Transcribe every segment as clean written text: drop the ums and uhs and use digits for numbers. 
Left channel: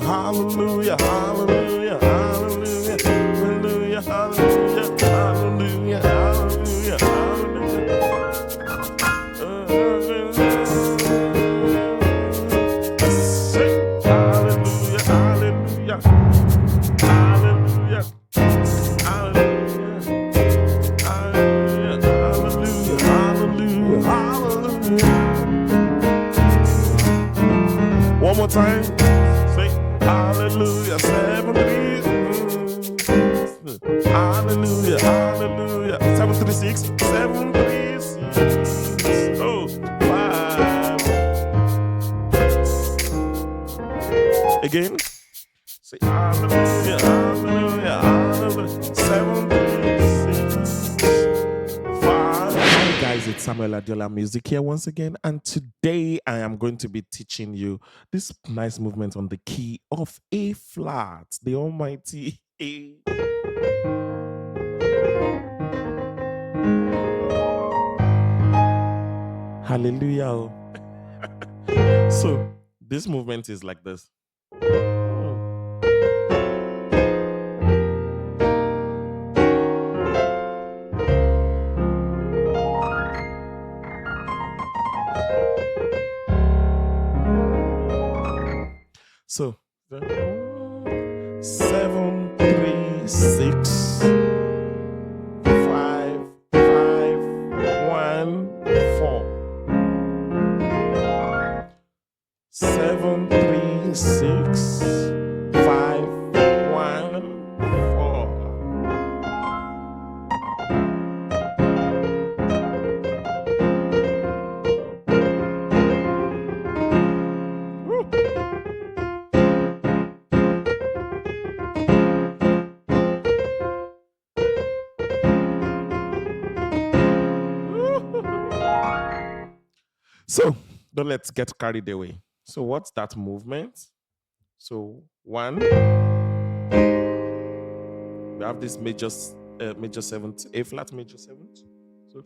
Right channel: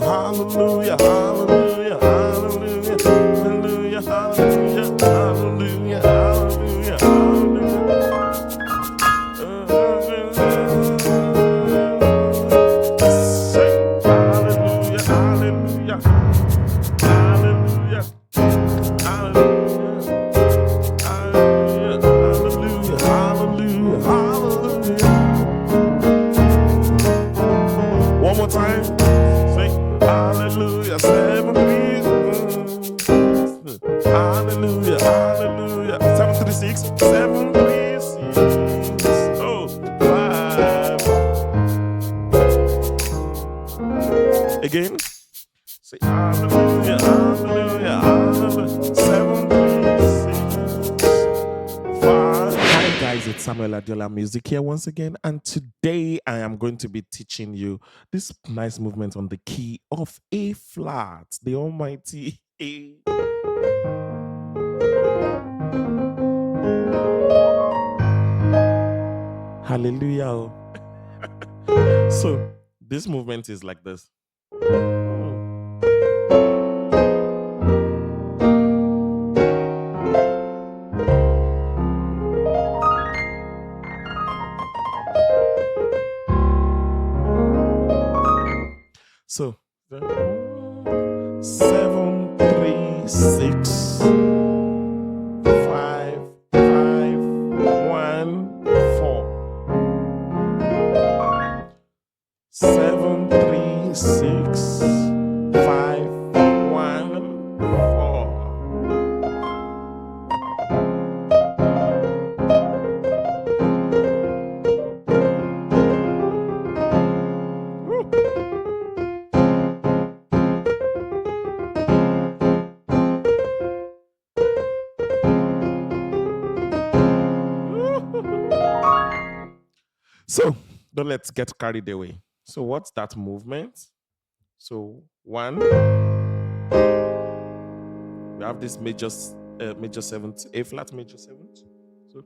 hallelujah, hallelujah, hallelujah, hallelujah, hallelujah, hallelujah, hallelujah, hallelujah, hallelujah. Say hallelujah, hallelujah, hallelujah, hallelujah, hallelujah, hallelujah, hallelujah, hallelujah. One more time. Say hallelujah, 7 3. Hallelujah, hallelujah. 7 3 6, 7 3 6. Oh, 5. Again. Say hallelujah, hallelujah, hallelujah. 7 3 6 5. Hi guys, it's Samuel Adiola Music here once again, and today I am going to be teaching you this nice movement on the key of A flat, the almighty A. Hallelujah. So this movement is like this. So 7 3 6 5 5 1 4. 7 3 6 5 1 4. So don't let's get carried away. So what's that movement? So 1, we have this major 7th, A flat major 7th. So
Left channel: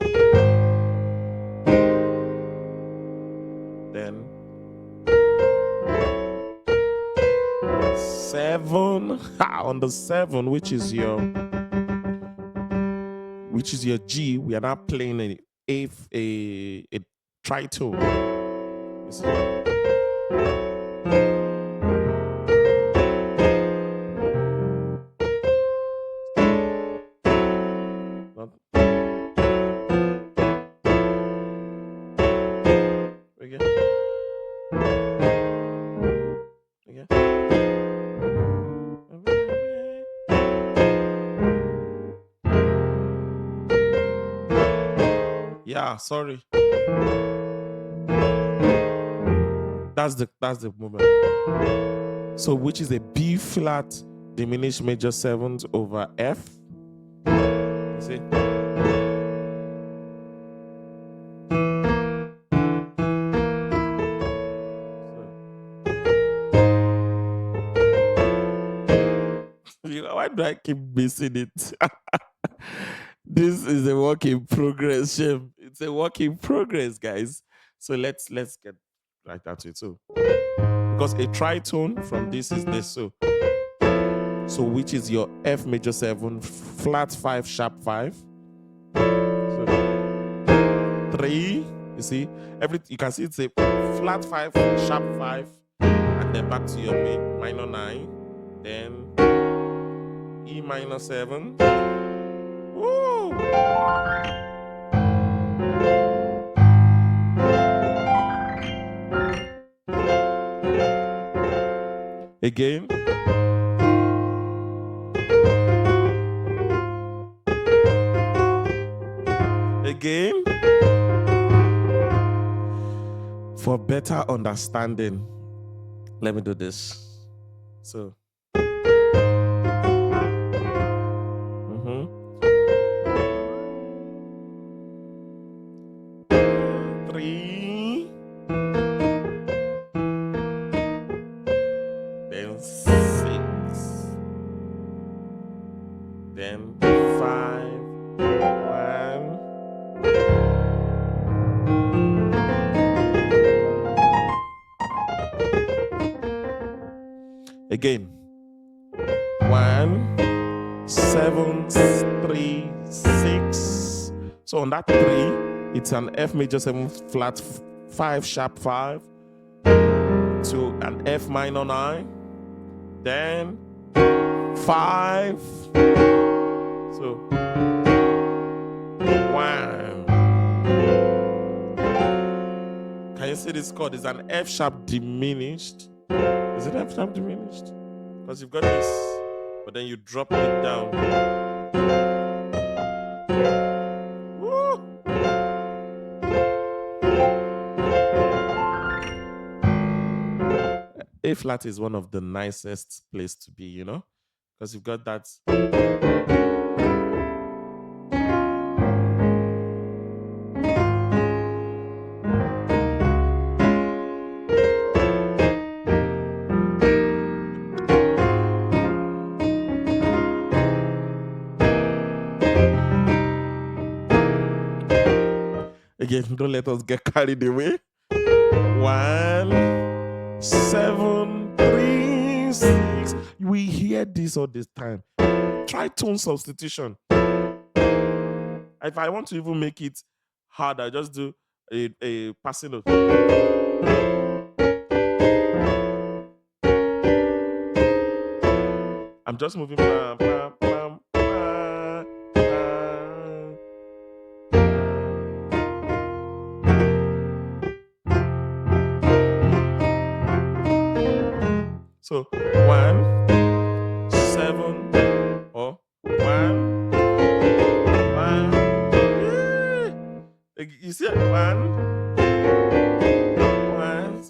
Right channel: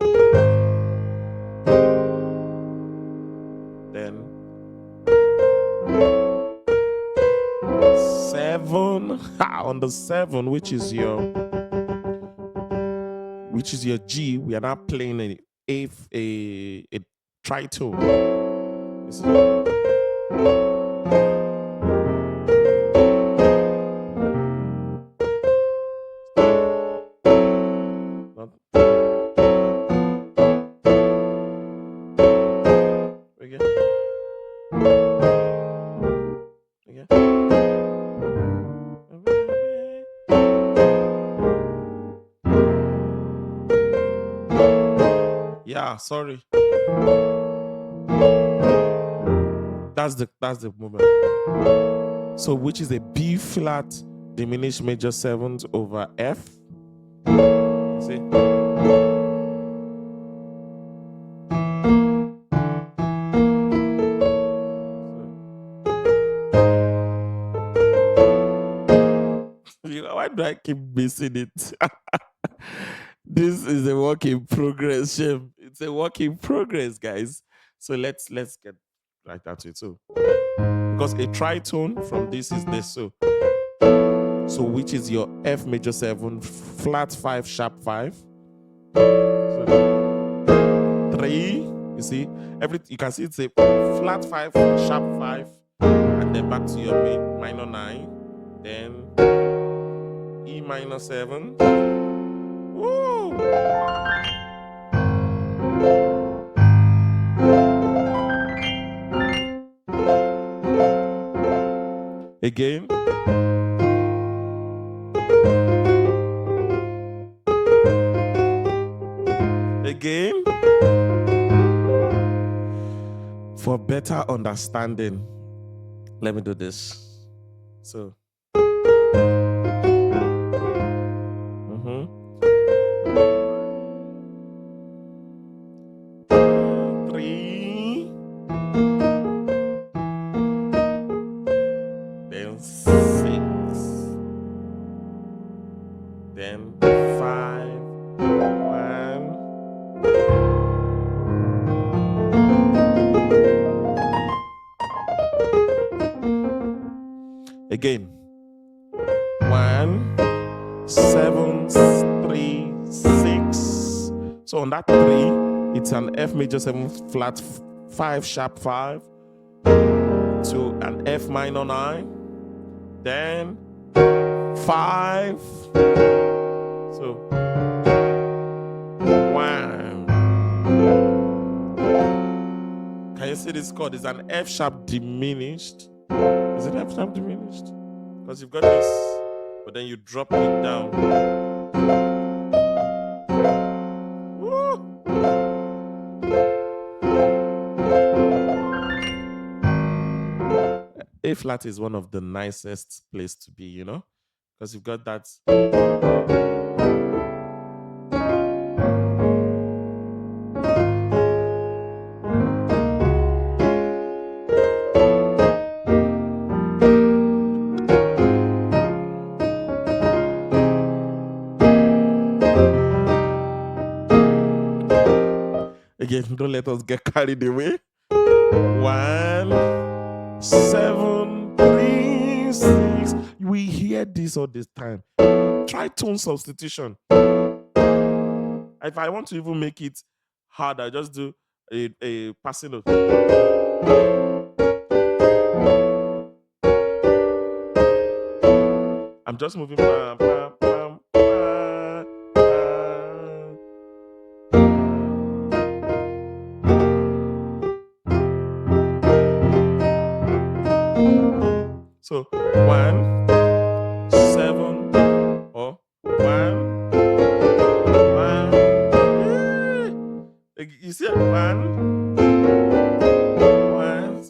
then 7 on the 7, which is your G. We are now playing a tritone. You see? Again. Yeah, sorry. That's the movement. So which is a B flat diminished major 7th over F. You see? Why do I keep missing it? This is a work in progress, Shem. It's a work in progress, guys. So let's get right at it. So because a tritone from this is this. So which is your F major 7 flat 5 sharp 5. So 3. You see, you can see it's a flat 5 sharp 5, and then back to your minor 9, then E minor 7. Woo! Again. Again. For better understanding, let me do this. So. 3, then 6, then 5, 1. Again. 1, 7, 3, 6. So on that 3, it's an F major 7 flat 5 sharp 5 to an F minor 9, then 5. So 1. Can you see this chord? It's an F sharp diminished. Is it F sharp diminished? Because you've got this, but then you drop it down. Woo! A flat is one of the nicest place to be, you know, because you've got that. Again, don't let us get carried away. 1, 7, 3, 6. We hear this all this time. Try tone substitution. If I want to even make it hard, I just do a passing note. I'm just moving. Bam, bam, bam, bam, bam. So 1, 7, or 1, 1. You see 1, 1,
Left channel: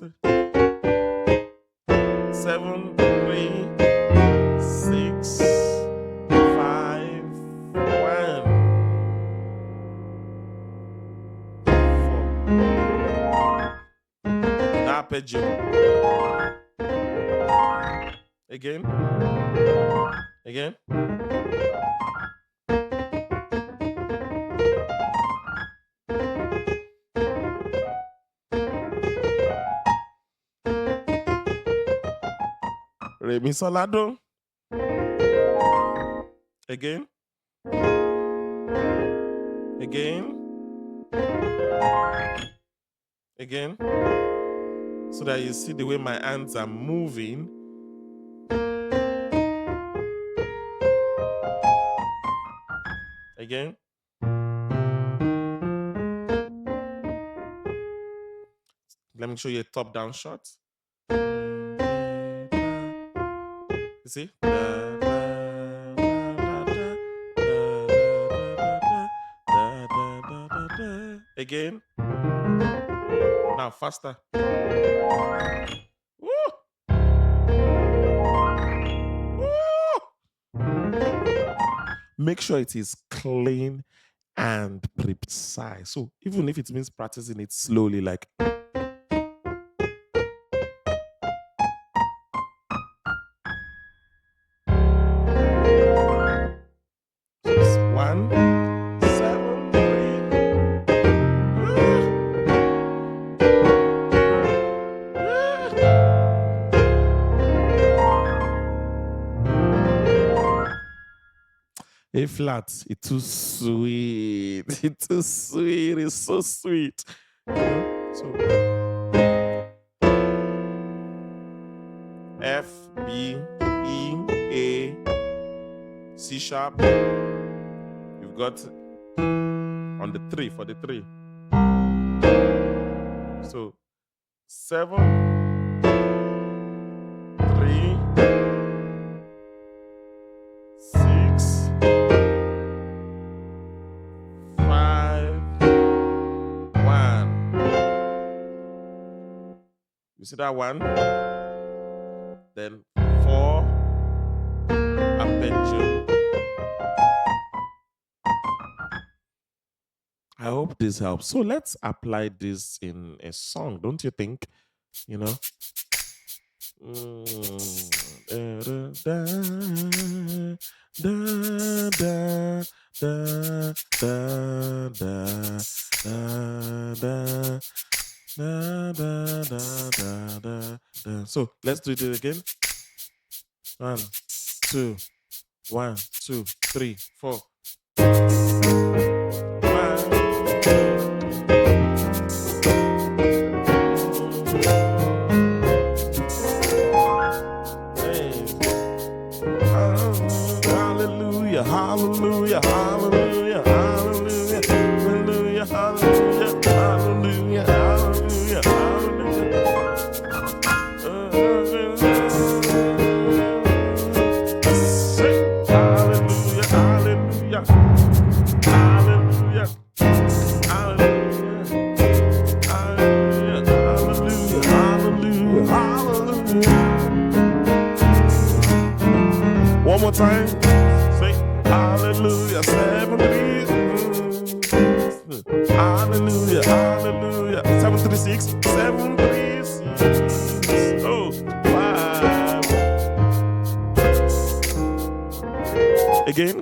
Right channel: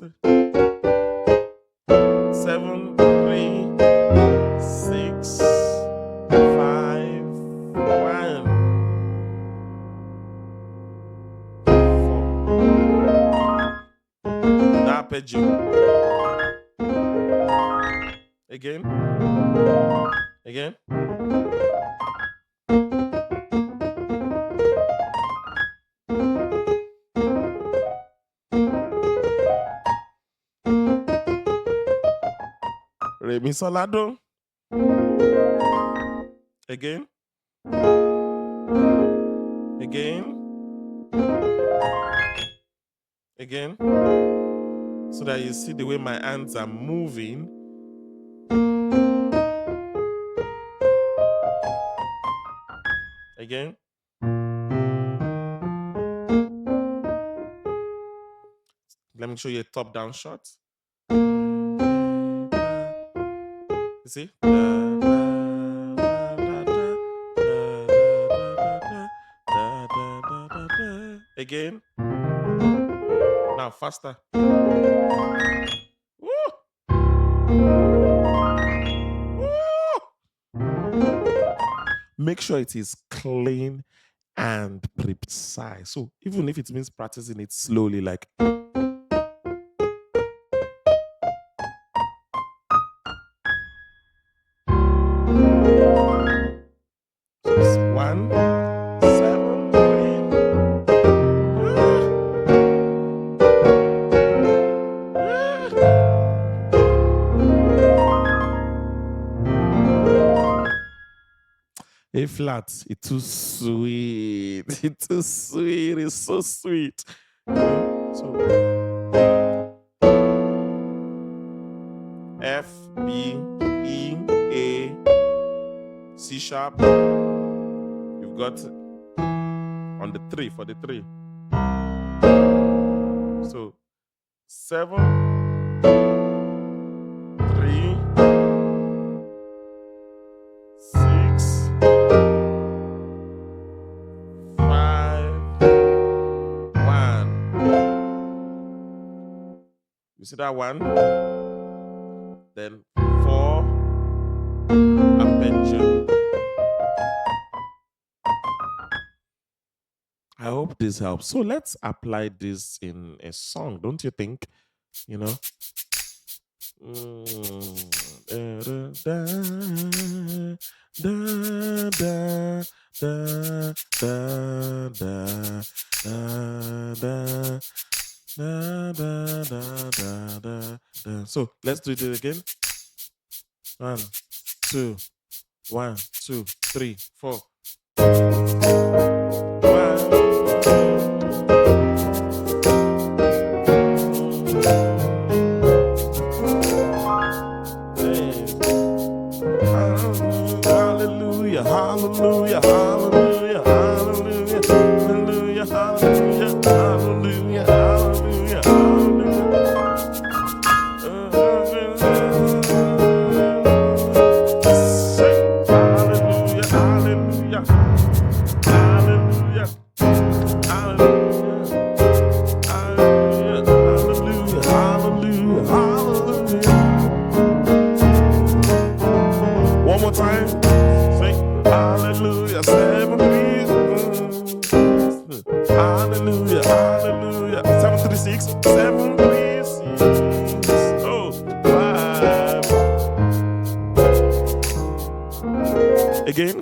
7, 3, 6, 5, 1, 4. The arpeggio. Again. Again. Re mi sol la do. Again. Again. Again. So that you see the way my hands are moving. Again. Let me show you a top-down shot. You see? Again. Now faster. Woo! Woo! Make sure it is clean and precise. So even if it means practicing it slowly, like so it's 1, 7, 3. A flat, it's too sweet. It's too sweet. It's so sweet. So F, B, E, A, C sharp. You've got on the 3 for the 3. So 7, 3, 6, 5, 1. You see that 1? Then 4, arpeggio. I hope this helps. So let's apply this in a song, don't you think? You know? So let's do it again. 1, 2, 1, 2, 3, 4. Hallelujah, hallelujah, hallelujah, hallelujah, hallelujah, hallelujah, hallelujah, hallelujah, hallelujah. Say hallelujah, hallelujah, hallelujah, hallelujah, hallelujah, hallelujah, hallelujah, hallelujah. One more time. Say hallelujah, 7 3. Hallelujah, hallelujah. 7 3 6, 7 3 6. Oh, 5. Again.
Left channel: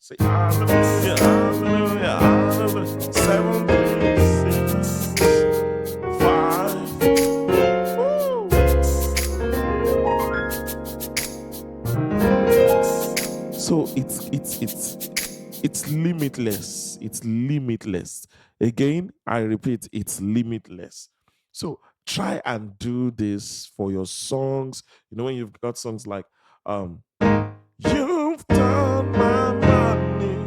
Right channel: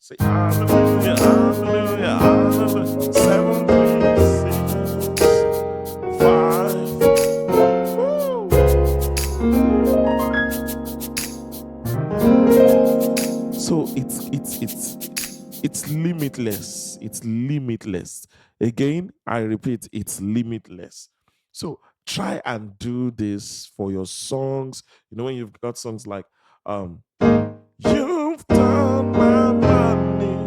Say hallelujah, hallelujah, hallelujah. 7 3 6 5. Woo. So it's limitless. It's limitless. Again, I repeat, it's limitless. So try and do this for your songs. You know, when you've got songs like you've turned my money.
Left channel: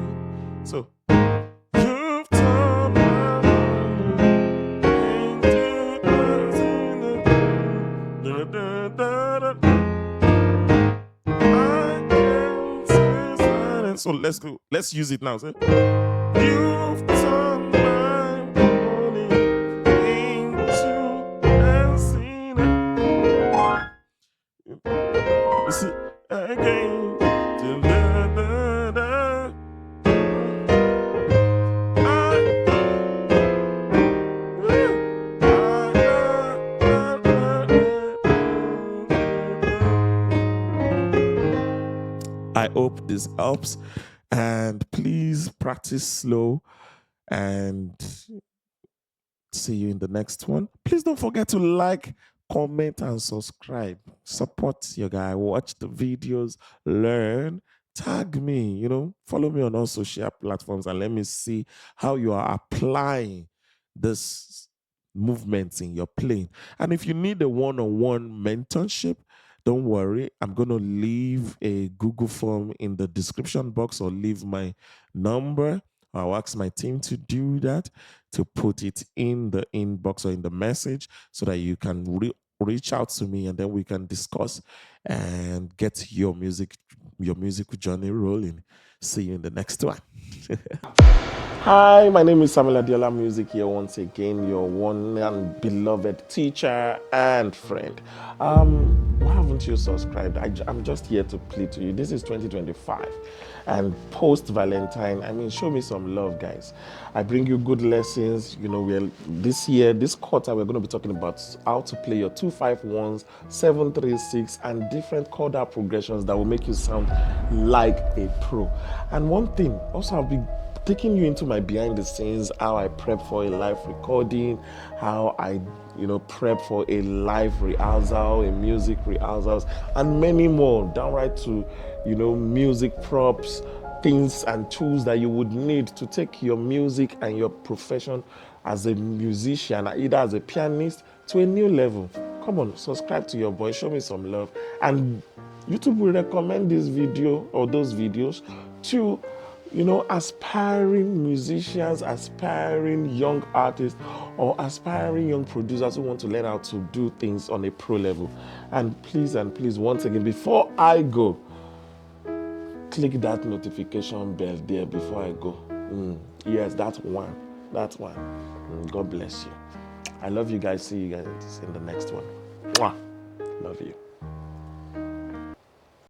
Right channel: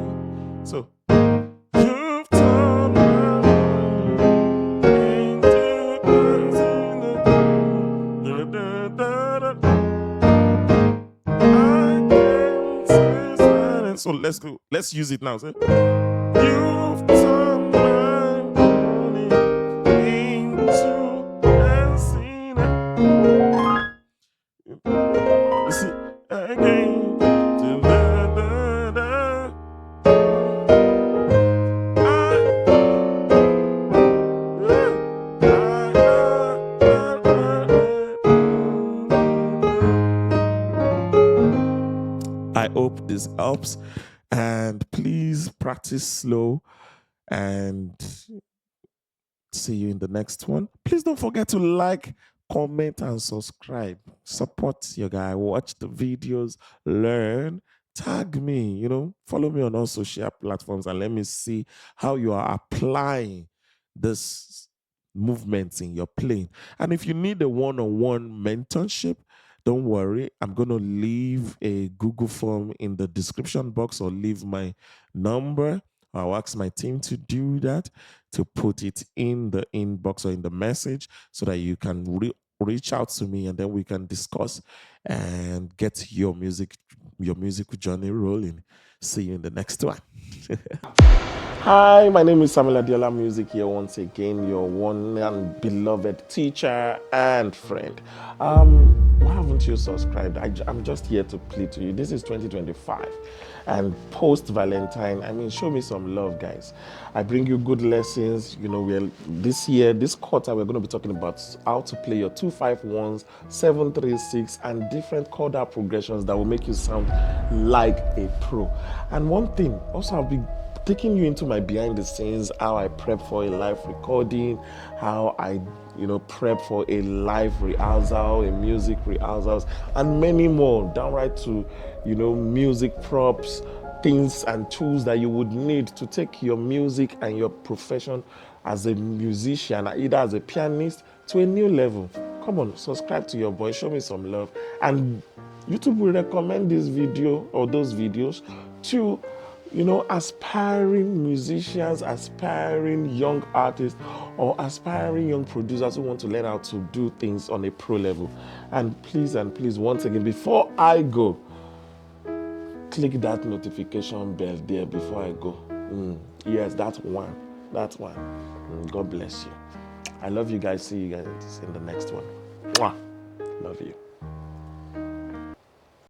So you've turned my money into so let's go. Let's use it now. Say, you've turned my money into dancing. You see, again. I hope this helps, and please practice slow, and see you in the next one. Please don't forget to like, comment, and subscribe. Support your guy. Watch the videos, learn, tag me, follow me on all social platforms, and let me see how you are applying this movements in your playing. And if you need a one-on-one mentorship, don't worry. I'm going to leave a Google form in the description box, or leave my number. I'll ask my team to do that, to put it in the inbox or in the message, so that you can reach out to me, and then we can discuss and get your music journey rolling. See you in the next one. Hi, my name is Samuel Adiola Music here once again, your one and beloved teacher and friend. Why haven't you subscribed? I'm just here to plead to you. This is 2025 and post Valentine. Show me some love, guys. I bring you good lessons. This quarter, we're going to be talking about how to play your 2-5-1s, 7-3-6, and different chord progressions that will make you sound like a pro. And one thing, also, I'll be taking you into my behind the scenes, how I prep for a live recording, how I prep for a live rehearsal, a music rehearsals, and many more, downright to music props, things and tools that you would need to take your music and your profession as a musician, either as a pianist, to a new level. Come on, subscribe to your boy, show me some love, and YouTube will recommend this video or those videos to aspiring musicians, aspiring young artists, or aspiring young producers who want to learn how to do things on a pro level. And please, once again, before I go, click that notification bell there before I go. Yes, that's one. God bless you. I love you guys. See you guys in the next one. Mwah. Love you.